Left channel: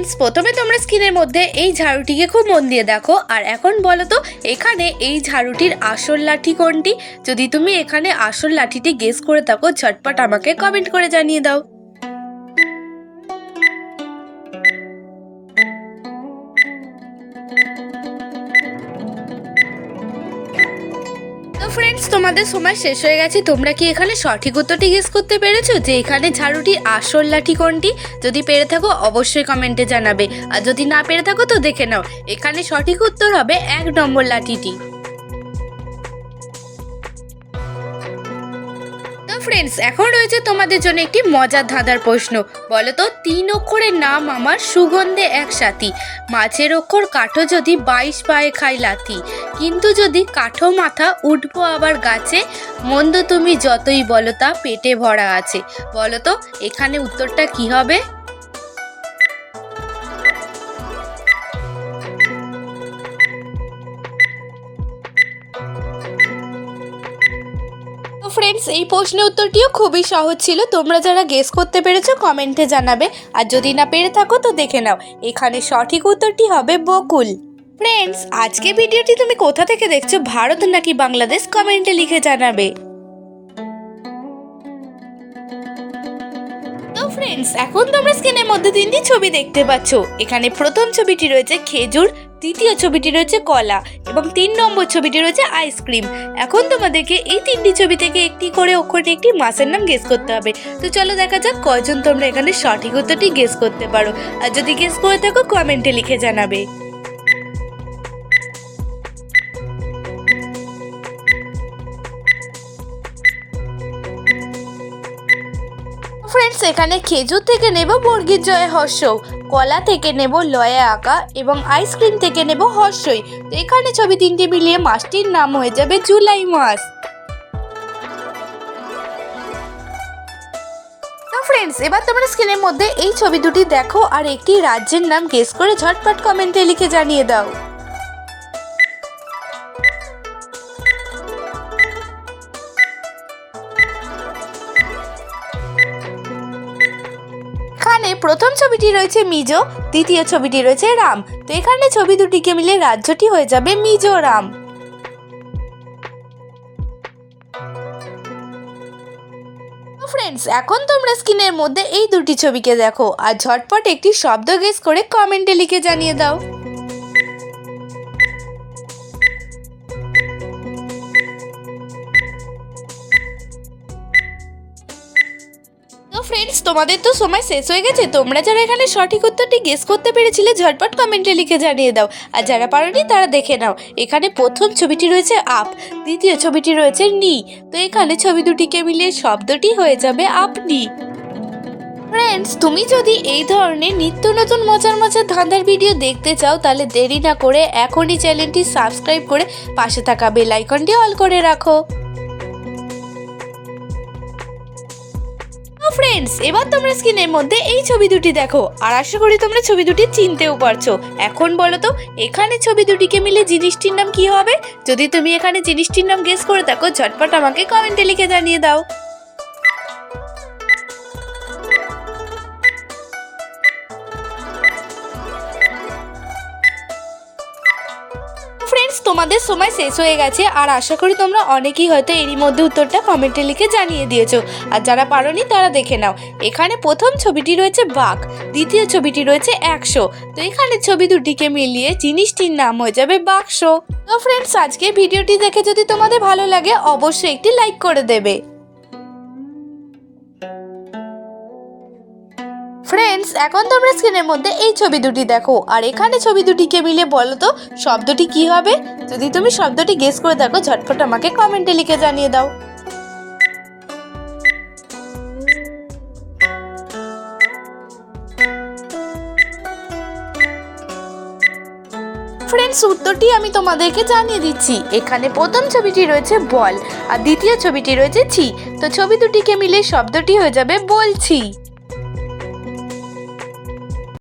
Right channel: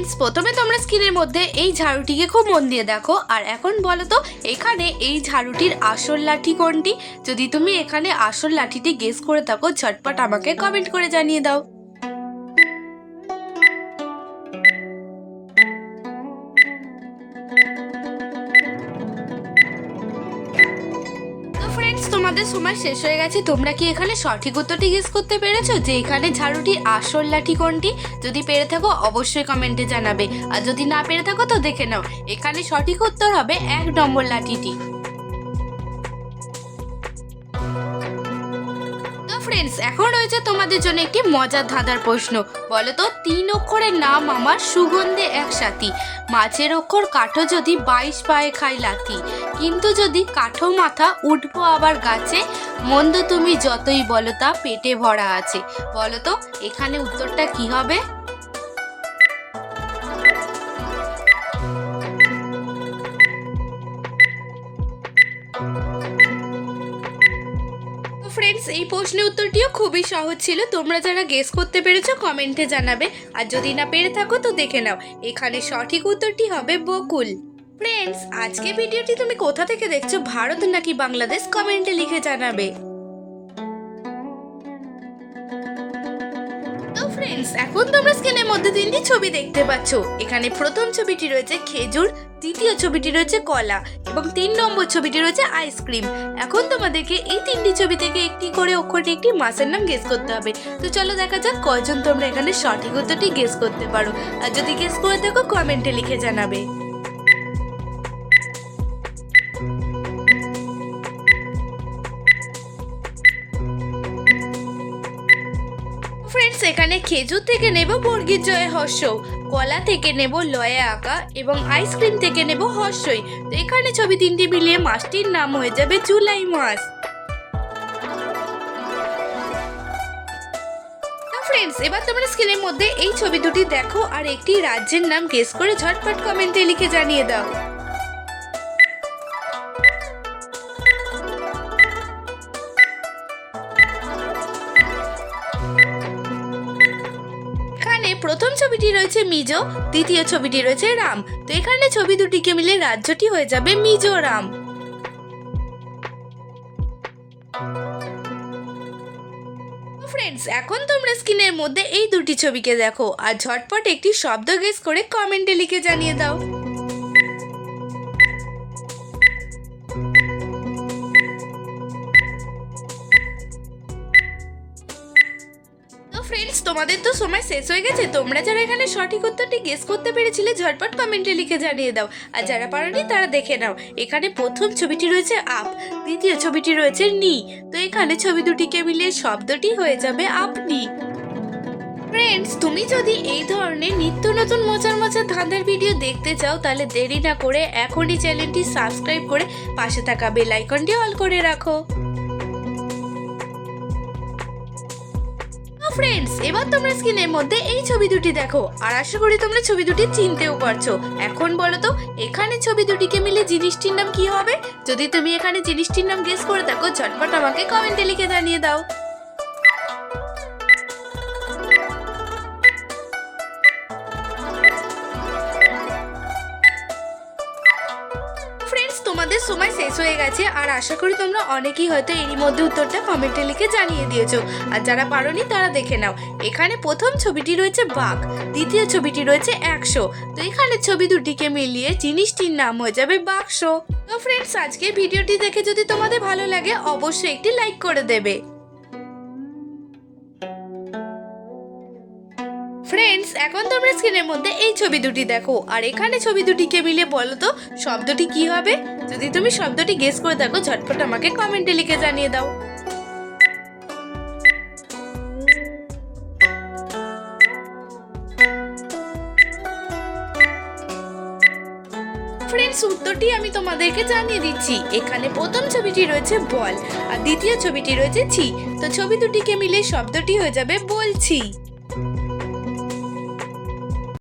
Friends, প্রথমে তোমরা স্ক্রিনের মধ্যে এই ঝাড়ুটিকে খুব মন দিয়ে দেখো। আর এখন বলো তো এখানে এই ঝাড়ুটির আসল লাঠি কোনটি? যদি তুমি এখানে আসল লাঠিটি গেস করে থাকো, ঝটপট আমাকে কমেন্ট করে জানিয়ে দাও। ফ্রেন্ডস, তোমাদের সময় শেষ হয়ে গেছে। তোমরা কি এখানে সঠিক উত্তরটি গেস করতে পেরেছো যে এখানে ঝাড়ুটির আসল লাঠি কোনটি? যদি পেরে থাকো অবশ্যই কমেন্টে জানাবে, আর যদি না পেরে থাকো তো দেখে নাও। এখানে সঠিক উত্তর হবে 1 নম্বর লাঠিটি। ফ্রেন্ডস, এখন রয়েছে তোমাদের জন্য একটি মজার ধাঁধার প্রশ্ন। বলো তো 3 অক্ষরের নাম আমার, সুগন্ধে এক সাথী। মাছের অক্ষর কাঠো যদি 22 পায়ে খাই লাথি। কিন্তু যদি কাঠো মাথা উঠবো আবার গাছে। মন্দ তুমি যতই বলো তা পেটে ভরা আছে। বলো তো এখানে উত্তরটা কি হবে? ফ্রেন্ডস, এই প্রশ্নের উত্তরটিও খুবই সহজ ছিল। তোমরা যারা গেস করতে পেরেছো কমেন্টে জানাবে, আর যদি না পেরে থাকো তো দেখে নাও। এখানে সঠিক উত্তরটি হবে বকুল। ফ্রেন্ডস, আজকে ভিডিওটি তুমি কোথা থেকে দেখছো, ভারত নাকি বাংলাদেশ, কমেন্টে লিখে জানাবে। তো ফ্রেন্ডস, এখন তোমরা স্ক্রিনের মধ্যে 3টি ছবি দেখতে পাচ্ছ। এখানে প্রথম ছবিটি রয়েছে খেজুর, দ্বিতীয় ছবিটি রয়েছে কলা এবং 3 নম্বর ছবিটি রয়েছে আইসক্রিম। এখন তোমাদেরকে এই 3টি ছবি থেকে একটি করে অক্ষরটি একটি মাছের নাম গেস করতে হবে। তো চলো দেখা যাক কয়জন তোমরা এখানে সঠিক উত্তরটি গেস করতে পারো। আর যদি গেস করে থাকো কমেন্টে লিখে জানাবে। ফ্রেন্ডস, এখানে খেজুর থেকে নেব বর্গীর জয়ে হর্ষ, কলা থেকে নেব লয়ে আঁকা এবং আইসক্রিম থেকে নেব হর্ষই। তো এখানে ছবি 3টি মিলিয়ে মাসটির নাম হয়ে যাবে জুলাই মাস। ফ্রেন্ডস, এবার তোমরা স্ক্রিনের মধ্যে এই ছবি দুটি দেখো আর একটি রাজ্যের নাম গেস করে ঝটপট কমেন্টে লিখে জানিয়ে দাও। এখানে প্রথম ছবিটি রয়েছে মিজো, দ্বিতীয় ছবিটি রয়েছে রাম। তো এখানে ছবি দুটিকে মিলে রাজ্যটি হয়ে যাবে মিজোরাম। ফ্রেন্ডস, এখন তোমরা স্ক্রিনের মধ্যে এই দুটি ছবিকে দেখো আর ঝটপট একটি শব্দ গেস করে কমেন্টে লিখে জানিয়ে দাও। ফ্রেন্ডস, তোমাদের তো সময় শেষ হয়ে গেছে। তোমরা যারা এখানে সঠিক উত্তরটি গেস করতে পেরেছিলে ঝটপট কমেন্টে লিখে জানিয়ে দাও, আর যারা পারোনি তারা দেখে নাও। এখানে প্রথম ছবিটি রয়েছে আপ, দ্বিতীয় ছবিটি রয়েছে নি। তো এখানে ছবি দুটিকে মিলিয়ে শব্দটি হয়ে যাবে আপনি। ফ্রেন্ডস, তুমি যদি এই ধরনের নিত্য নতুন মজার মজার ধাঁধার ভিডিও দেখতে চাও তাহলে দেরি না করে এখনই চ্যানেলটি সাবস্ক্রাইব করে পাশে থাকা বেল আইকনটি অল করে রাখো। ফ্রেন্ডস, এবার তোমরা স্ক্রিনের মধ্যে এই ছবি দুটি দেখো আর আশা করি তোমরা ছবি দুটি চিনতেও পারছো। এখন বলো তো এখানে ছবি দুটিকে মিলে জিনিসটির নাম কি হবে? যদি তুমি এখানে জিনিসটির নাম গেস করে থাকো ঝটপট আমাকে কমেন্টে লিখে জানিয়ে দাও। ফ্রেন্ডস, তোমাদের সময় শেষ হয়ে গেছে আর আশা করি তোমরা অনেকেই হয়তো এরই মধ্যে উত্তরটা কমেন্টে লিখে জানিয়ে দিয়েছো, আর যারা পারোনি তারা দেখে নাও। এখানে প্রথম ছবিটি রয়েছে বাঘ, দ্বিতীয় ছবিটি রয়েছে 100। তো এখানে ছবি দুটিকে মিলিয়ে জিনিসটির নাম হয়ে যাবে বাক্স। তো ফ্রেন্ডস, আজকে ভিডিওটি দেখে যদি তোমাদের ভালো লাগে অবশ্যই একটি লাইক করে দেবে। ফ্রেন্ডস, এখন তোমরা স্ক্রিনের মধ্যে এই ছবি দুটি দেখো আর এখানে ছবি দুটিকে মিলে বলো তো শব্দটি কি হবে? যদি তুমি শব্দটি গেস করে থাকো ঝটপট আমাকে কমেন্টে লিখে জানিয়ে দাও। ফ্রেন্ডস, উত্তরটি আমি তোমাদেরকে জানিয়ে দিচ্ছি। এখানে প্রথম ছবিটি রয়েছে বল আর দ্বিতীয় ছবিটি রয়েছে ছি। তো ছবি দুটিকে মিলে শব্দটি হয়ে যাবে বলছি।